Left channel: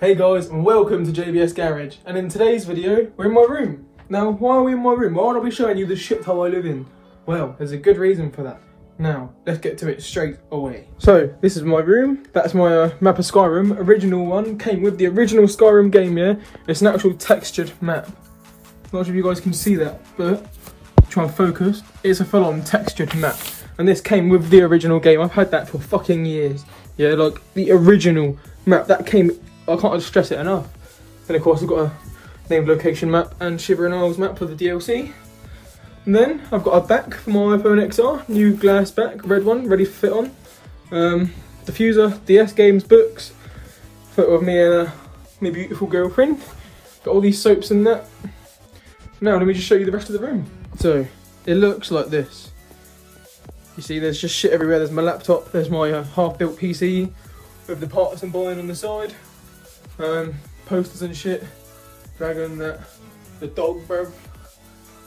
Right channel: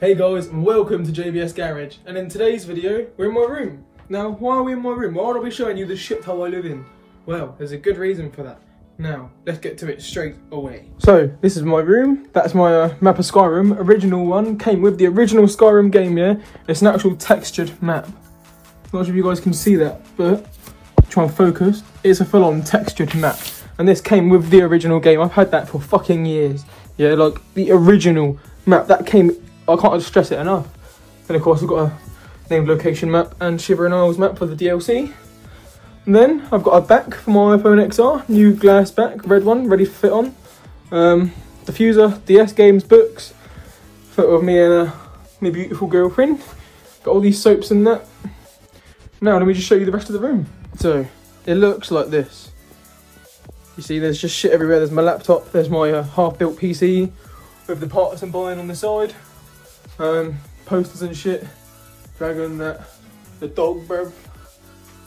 Hey guys, and welcome to JBS Garage. And in today's video, we're in my room. Now, why are we in my room? Why won't I be showing you the shithole I live in? Well, there's a good reason for that. Now, let's get to it straight away. So, this is my room. That's my map of Skyrim. Original one. Came with the original Skyrim game, yeah? It's an actual textured map. Not sure if you guys can see that, but try and focus. It's a full-on textured map. And this came with the original game. I've had that for fucking years. Yeah, like the original map. That came... I can't stress it enough. And of course I've got a named location map and Shiver and Isles map for the DLC. And then I've got a back for my iPhone XR, new glass back, red one, ready to fit on. Diffuser, DS games, books, photo of me and my beautiful girlfriend. Got all these soaps and that. Now let me just show you the rest of the room. So it looks like this. You see there's just shit everywhere. There's my laptop, there's my half-built PC with the parts I'm buying on the side. Posters and shit, dragon, that, the dog, bruv,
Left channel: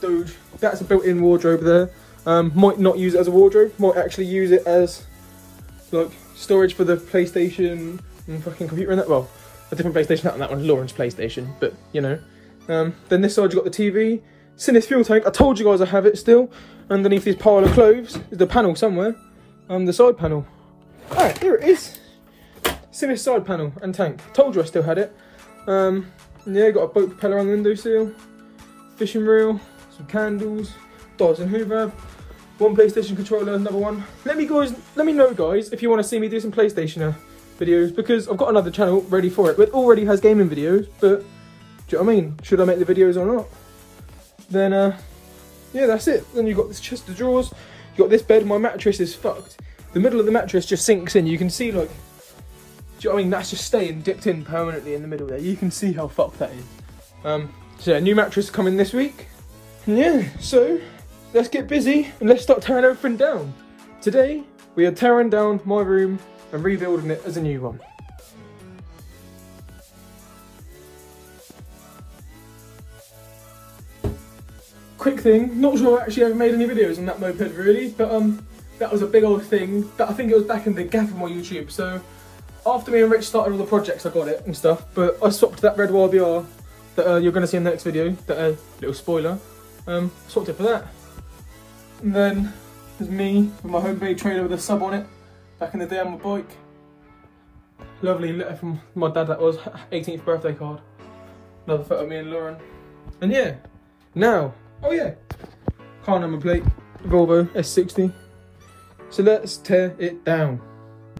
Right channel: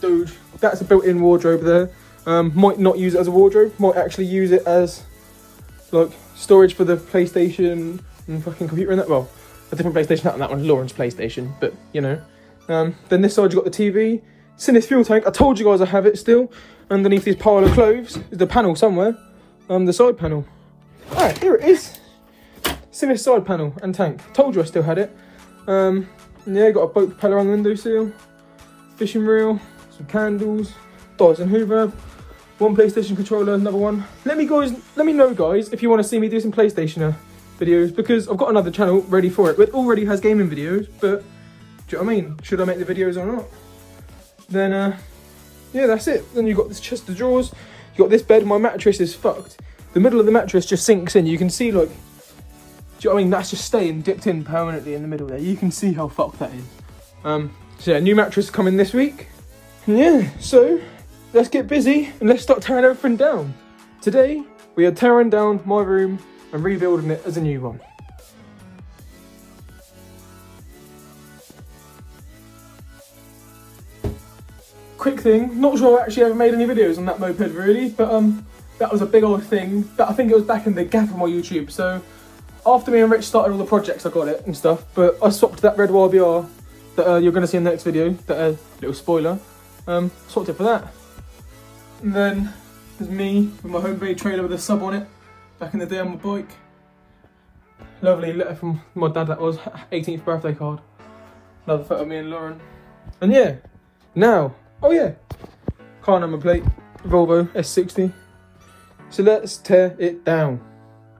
Doge, that's a built-in wardrobe there. Might not use it as a wardrobe, might actually use it as like storage for the PlayStation and fucking computer and that. Well, a different PlayStation, not that one, Lauren's PlayStation, but you know. Then this side you got the TV, it's in this fuel tank. I told you guys I have it still. Underneath this pile of clothes is the panel somewhere, the side panel. Ah, here it is. It's in this side panel and tank. Told you I still had it. Yeah, got a boat propeller on the windowsill, fishing reel, some candles, Dyson Hoover, one PlayStation controller, another one. Let me know guys if you want to see me do some PlayStation videos, because I've got another channel ready for it. It already has gaming videos, but do you know what I mean? Should I make the videos or not? Then yeah, that's it. Then you've got this chest of drawers. You got this bed. My mattress is fucked. The middle of the mattress just sinks in. You can see like. Do you know what I mean? That's just staying dipped in permanently in the middle there. You can see how fucked that is. So yeah, new mattress coming this week. Yeah, so let's get busy and let's start tearing everything down. Today, we are tearing down my room and rebuilding it as a new one. Quick thing, not sure I actually ever made any videos on that moped really, but that was a big old thing. But I think it was back in the gap of my YouTube, so after me and Rich started all the projects, I got it and stuff, but I swapped that red YBR that you're going to see in the next video, that little spoiler, swapped it for that. And then there's me with my homemade trailer with a sub on it, back in the day on my bike. Lovely letter from my dad, that was, 18th birthday card. Another photo of me and Lauren. And yeah, now, oh yeah, car number plate, Volvo S60. So let's tear it down.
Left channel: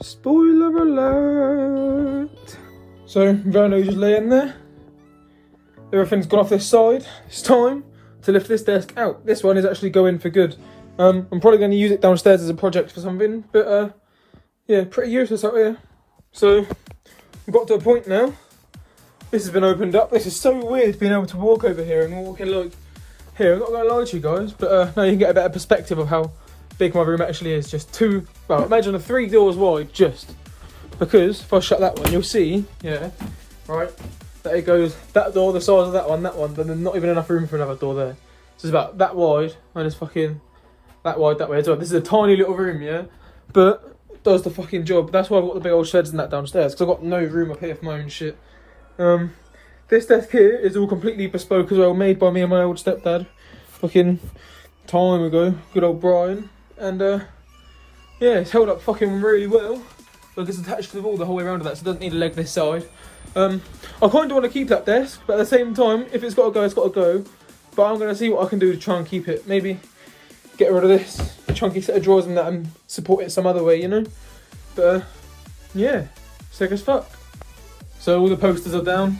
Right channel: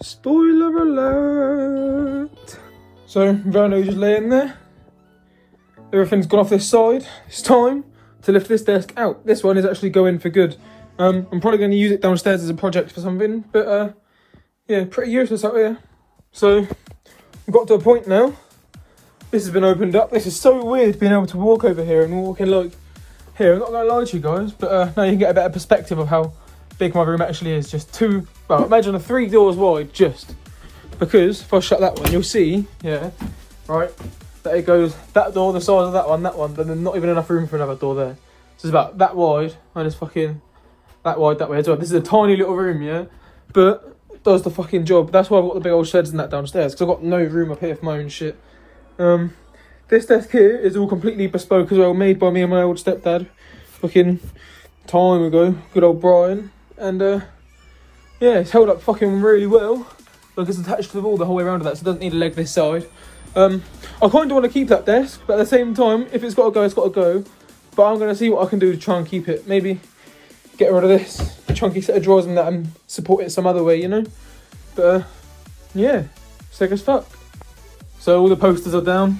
Spoiler alert! So, Verno's just laying there. Everything's gone off this side. It's time to lift this desk out. This one is actually going for good. I'm probably going to use it downstairs as a project for something, but yeah, pretty useless out here. So, we've got to a point now. This has been opened up. This is so weird being able to walk over here and walking like here. I'm not going to lie to you guys, but now you can get a better perspective of how big my room actually is. Just two, well, imagine 3 doors wide, just because if I shut that one, you'll see, yeah, right, that it goes that door the size of that one, but then not even enough room for another door there. So it's about that wide and it's fucking that wide that way as well. This is a tiny little room, yeah, but it does the fucking job. That's why I've got the big old sheds and that downstairs, because I've got no room up here for my own shit. This desk here is all completely bespoke as well, made by me and my old stepdad fucking time ago, good old Brian. And yeah, it's held up fucking really well. Like it's attached to the wall the whole way around of that, so it doesn't need a leg this side. I kind of want to keep that desk, but at the same time, if it's got to go, it's got to go. But I'm going to see what I can do to try and keep it. Maybe get rid of this, a chunky set of drawers and that, and support it some other way, you know. But yeah, sick as fuck. So all the posters are down.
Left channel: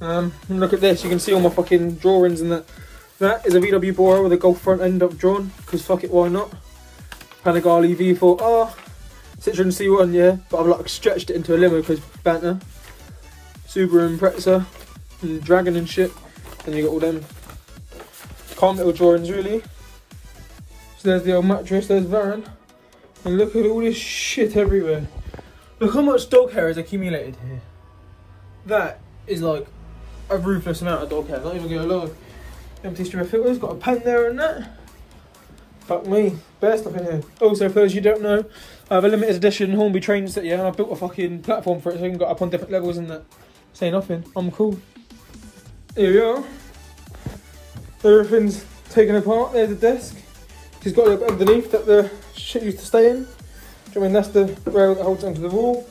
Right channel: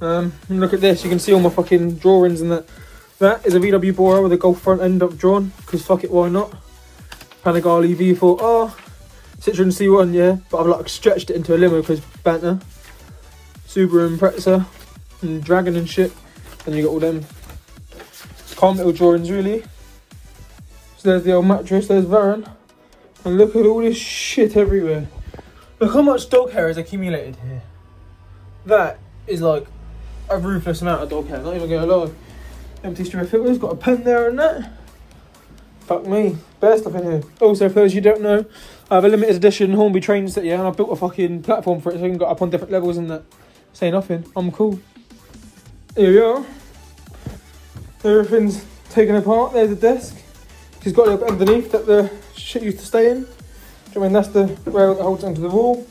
And look at this, you can see all my fucking drawings and that. That is a VW Bora with a Golf front end up drawn, because fuck it, why not? Panigale V4R, Citroen C1, yeah, but I've like stretched it into a limo because banter. Subaru Impreza and Dragon and shit. Then you got all them calm little drawings really. So there's the old mattress, there's Varan. And look at all this shit everywhere. Look how much dog hair is accumulated here. That is like a ruthless amount of dog hair, not even gonna lie. Empty string of filters, got a pen there and that. Fuck me, bare stuff in here. Also, for those you don't know, I have a limited edition Hornby train set, yeah, and I've built a fucking platform for it so you can go up on different levels and that. Say nothing, I'm cool. Here we are. Everything's taken apart, there's the desk. She's got a little bit underneath that the shit used to stay in. I mean, that's the rail that holds onto the wall.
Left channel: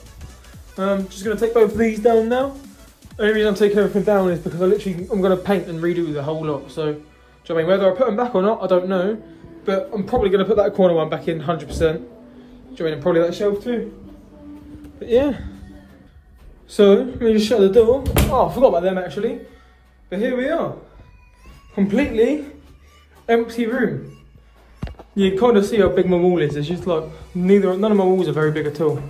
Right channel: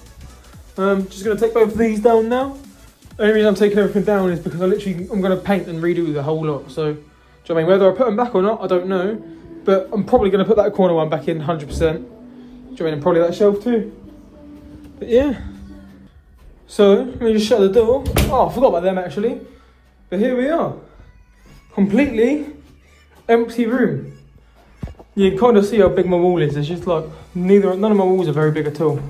Just going to take both of these down now. The only reason I'm taking everything down is because I'm going to paint and redo the whole lot. So, do you know what I mean? Whether I put them back or not, I don't know. But I'm probably going to put that corner one back in 100%. Do you know what I mean? And probably that shelf too. But yeah. So, let me just shut the door. Oh, I forgot about them actually. But here we are. Completely empty room. You can kind of see how big my wall is. It's just like, none of my walls are very big at all.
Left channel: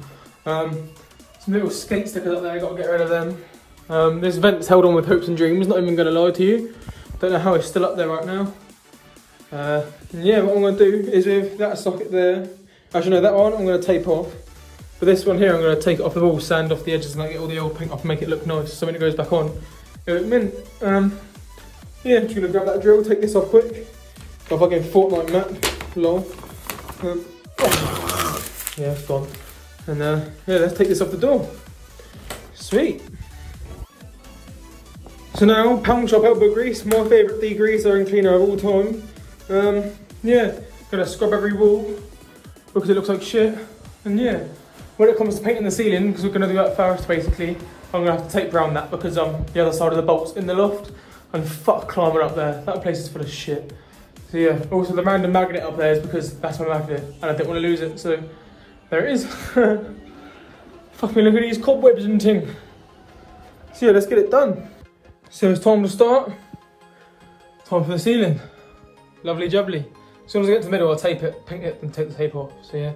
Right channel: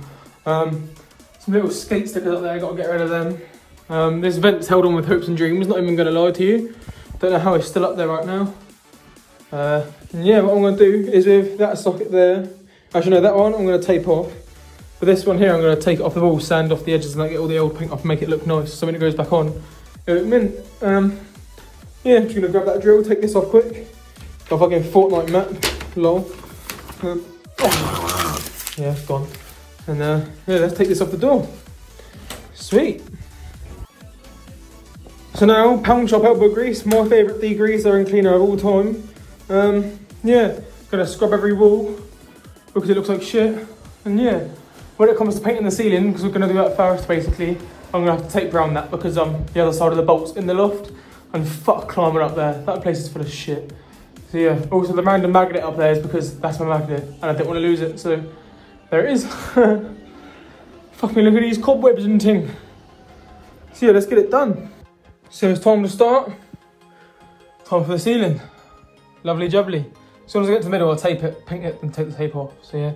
Some little skate stickers up there, got to get rid of them. This event's held on with hopes and dreams, not even going to lie to you. Don't know how it's still up there right now. And yeah, what I'm going to do is with that socket there, actually no, that one I'm going to tape off. But this one here, I'm going to take it off the wall, sand off the edges and get all the old paint off and make it look nice. So when it goes back on, it'll look mint. Yeah, just going to grab that drill, take this off quick. Got a fucking Fortnite map, lol. Yeah, it's gone. And yeah, let's take this off the door. Sweet. So now, pound shop elbow grease, my favourite degreaser and cleaner of all time. Yeah, gonna scrub every wall because it looks like shit. And yeah, when it comes to painting the ceiling, because we're gonna do that first basically, I'm gonna have to tape around that because the other side of the bolt's in the loft. And fuck climbing up there, that place is full of shit. So yeah, also the random magnet up there is because that's my magnet and I didn't want to lose it, so there it is. Fuck me, look at these cobwebs and ting. So yeah, let's get it done. So it's time to start. Time for the ceiling. Lovely jubbly. As soon as I get to the middle, I'll tape it, paint it and take the tape off, so yeah.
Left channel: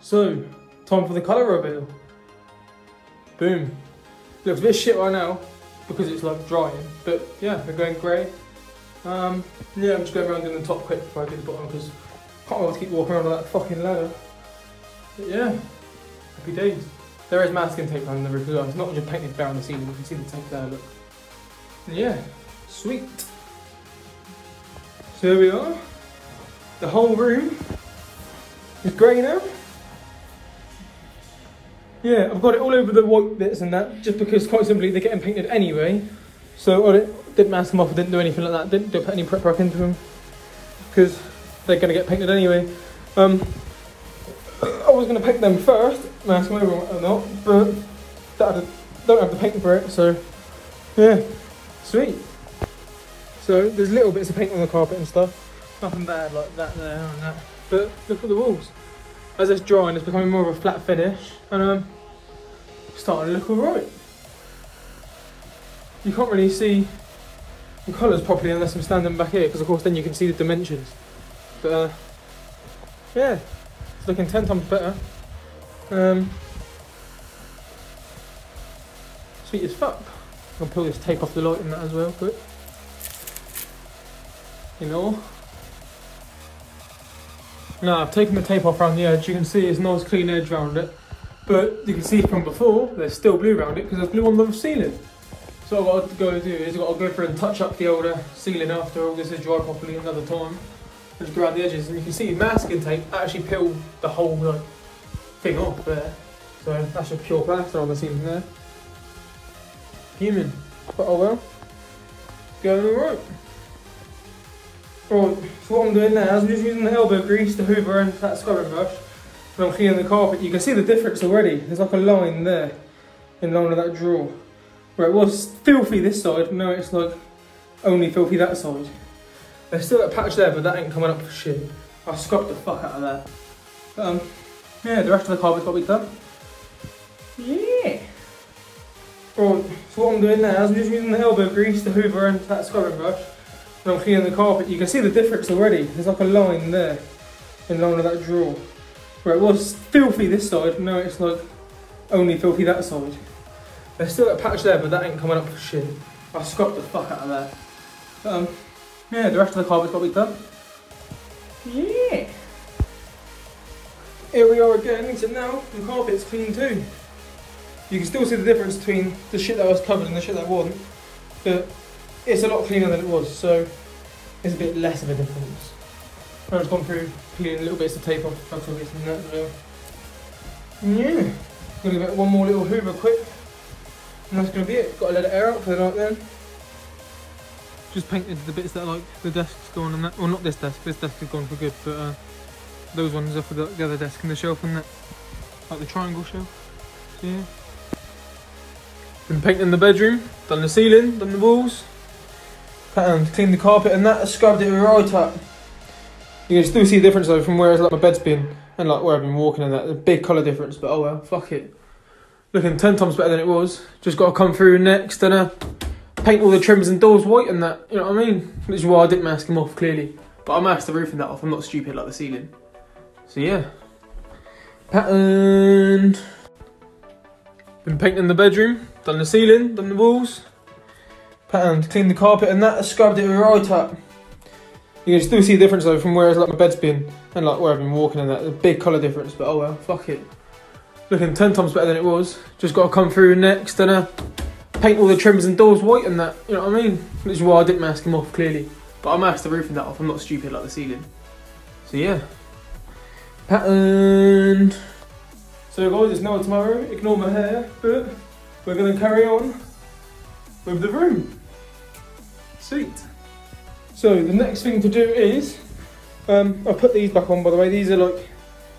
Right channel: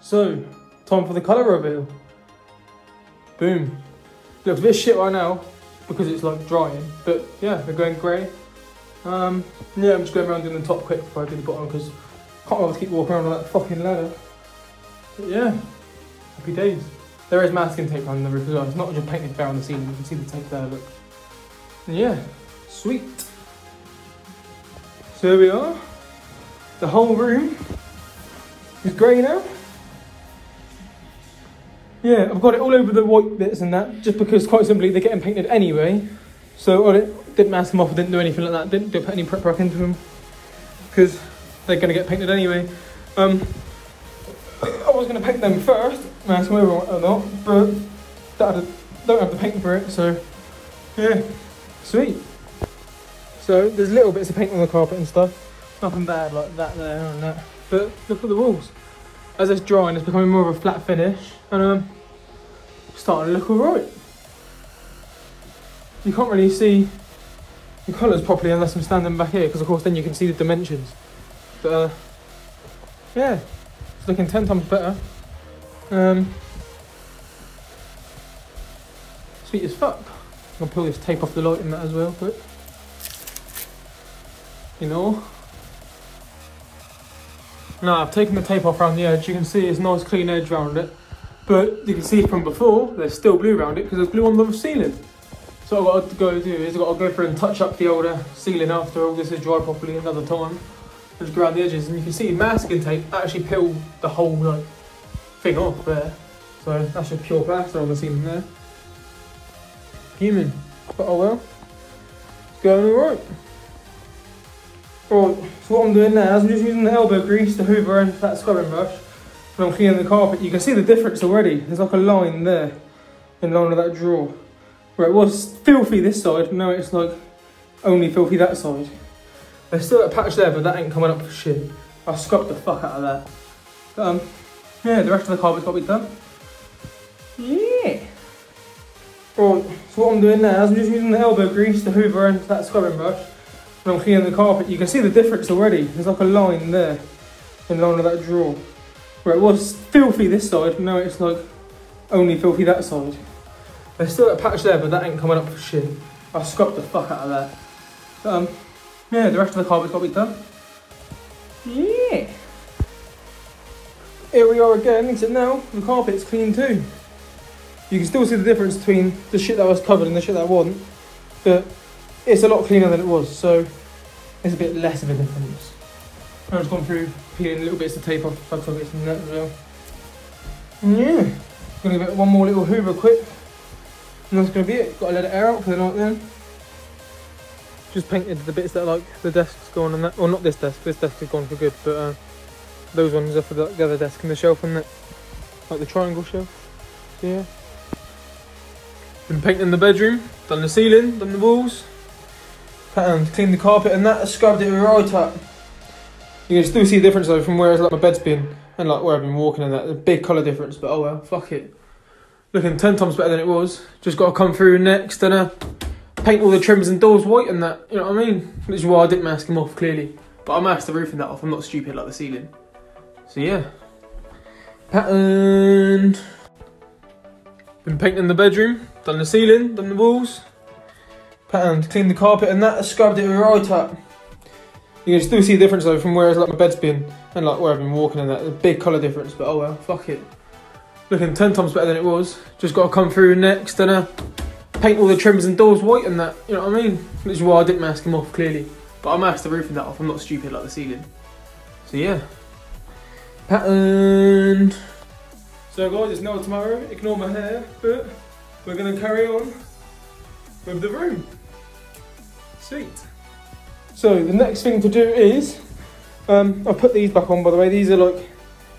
So, time for the colour reveal. Boom. Looks a bit shit right now because it's like drying, but yeah, they're going grey. Yeah, I'm just going around doing the top quick before I do the bottom because I can't bother to keep walking around on that fucking ladder. But yeah, happy days. There is masking tape on the roof as well. It's not just painted bare on the ceiling. You can see the tape there, look. And yeah, sweet. So here we are. The whole room is grey now. Yeah, I've got it all over the white bits and that, just because quite simply they're getting painted anyway. So I didn't mask them off, didn't do anything like that, didn't put any prep work into them, because they're going to get painted anyway. I was going to paint them first, mask them over or not, but don't have to paint for it, so yeah, sweet. So there's little bits of paint on the carpet and stuff, nothing bad like that there and that, but look at the walls. As it's drying, it's becoming more of a flat finish, and starting to look alright. You can't really see the colours properly unless I'm standing back here, because of course then you can see the dimensions. But yeah, it's looking 10 times better. Sweet as fuck. I'll pull this tape off the light in that as well, quick. You know. Now I've taken the tape off around the edge. You can see it's a nice clean edge around it. But you can see from before, there's still glue around it because there's glue on the ceiling. So what I've got to go do is I've got to go through and touch up the older ceiling after all this is dry properly another time. Just go around the edges and you can see masking tape actually peeled the whole like thing off there. So that's just pure plaster on the ceiling there. Fuming. But oh well. Going alright. Right, what I'm doing now is I'm just using the elbow grease, the hoover and that scrubbing brush. When I'm cleaning the carpet, you can see the difference already. There's like a line there, in line with that drawer. Where it was filthy this side, now it's like only filthy that side. There's still a patch there, but that ain't coming up for shit. I scrubbed the fuck out of that. But, yeah, the rest of the carpet's got to be done. Yeah. Right, so what I'm doing now is I'm just using the elbow grease, the hoover and that scrubbing brush. When I'm cleaning the carpet, you can see the difference already. There's like a line there, in line with that drawer. Where it was filthy this side, now it's like only filthy that side. There's still a patch there, but that ain't coming up for shit. I scrubbed the fuck out of that. But, yeah, the rest of the carpet's got to be done. Yeah. Here we are again, except now the carpet's clean too. You can still see the difference between the shit that was covered and the shit that wasn't. But it's a lot cleaner than it was, so it's a bit less of a difference. I've gone through peeling little bits of tape off the plug sockets and that as well. And yeah, gonna give it one more little hoover quick. And that's gonna be it. Gotta let it air out for the night then. Just painted the bits that like the desk's gone and that, well not this desk is gone for good, but those ones are for the other desk and the shelf and that, like the triangle shelf. So yeah. Been painting the bedroom, done the ceiling, done the walls, patterned, cleaned the carpet and that, scrubbed it right up. You can still see the difference though from where like my bed's been and like where I've been walking and that. There's a big colour difference, but oh well, fuck it. Looking 10 times better than it was. Just got to come through next and paint all the trims and doors white and that, you know what I mean? Which is why I didn't mask them off clearly. But I masked the roof and that off, I'm not stupid like the ceiling. So yeah. Patterned. Been painting the bedroom, done the ceiling, done the walls. Patterned, cleaned the carpet and that, scrubbed it right up. You can still see the difference though from where like my bed's been and like where I've been walking and that. There's a big colour difference, but oh well, fuck it. Looking 10 times better than it was. Just got to come through next and paint all the trims and doors white and that, you know what I mean? Which is why I didn't mask them off clearly. But I masked the roof and that off, I'm not stupid like the ceiling. So yeah. Patterned. So guys, it's now tomorrow, ignore my hair, but we're going to carry on with the room. Sweet. So the next thing to do is, I'll put these back on by the way, these are like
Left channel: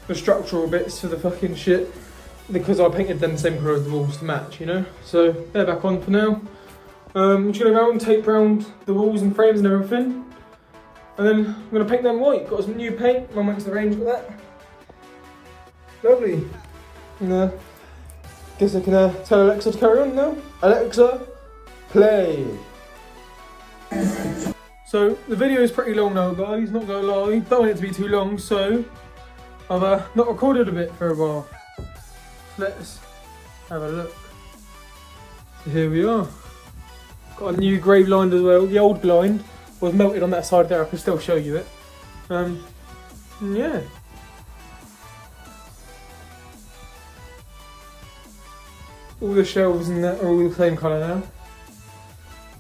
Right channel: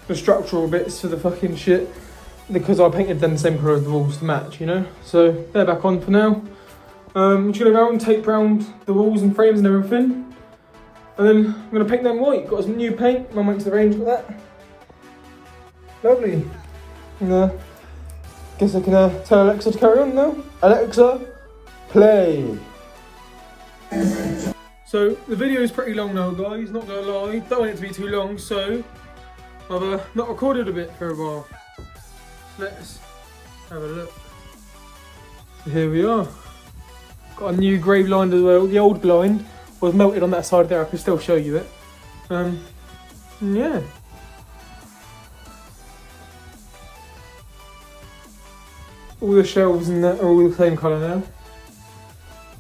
the structural bits for the fucking shit. Because I painted them the same colour as the walls to match, you know? So they're back on for now. I'm just going to go around, tape round the walls and frames and everything. And then I'm going to paint them white. Got some new paint, Mum went to the range with that. Lovely. And guess I can tell Alexa to carry on now. Alexa, play. So the video is pretty long now guys, not going to lie. Don't want it to be too long, so I've not recorded a bit for a while. Let's have a look. So here we are. Got a new grey blind as well. The old blind was melted on that side there. I can still show you it. Yeah. All the shelves and that are all the same colour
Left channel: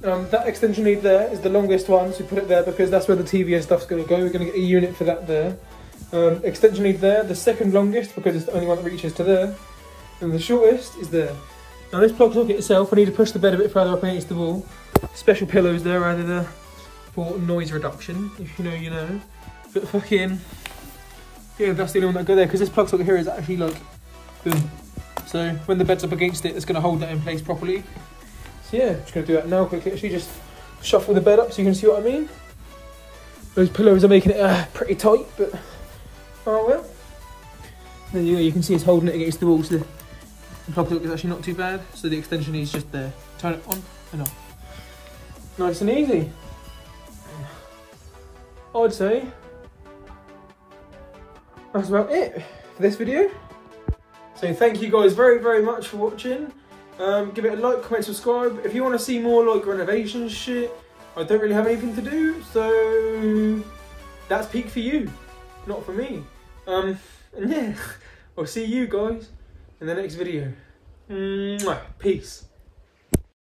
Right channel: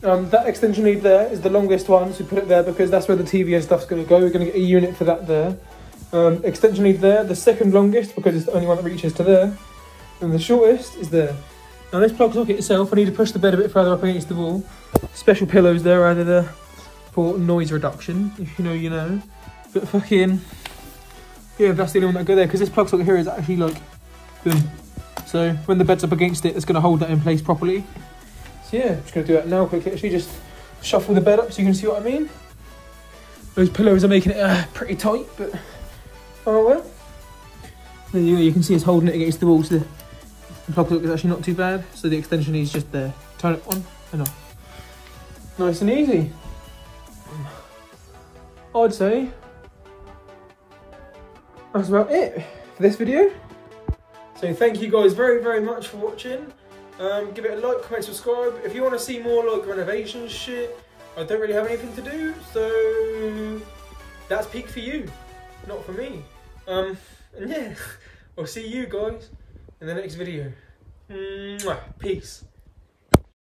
now. That extension lead there is the longest one, so we put it there because that's where the TV and stuff's going to go. We're going to get a unit for that there. Extension lead there, the second longest because it's the only one that reaches to there. And the shortest is there. Now this plug socket itself, I need to push the bed a bit further up against the wall. Special pillows there added there for noise reduction, if you know, you know. But fucking, yeah, that's the only one that go there, because this plug socket here is actually like, boom. So when the bed's up against it, it's going to hold that in place properly. So yeah, just going to do that now quickly. Actually just shuffle the bed up so you can see what I mean. Those pillows are making it pretty tight, but oh well. And you can see it's holding it against the wall, so the plug socket is actually not too bad. So the extension is just there. Turn it on and off. Nice and easy. I'd say that's about it for this video. So thank you guys very, very much for watching. Give it a like, comment, subscribe. If you want to see more like renovation shit, I don't really have anything to do, so that's peak for you, not for me. And yeah, I'll see you guys in the next video. Peace.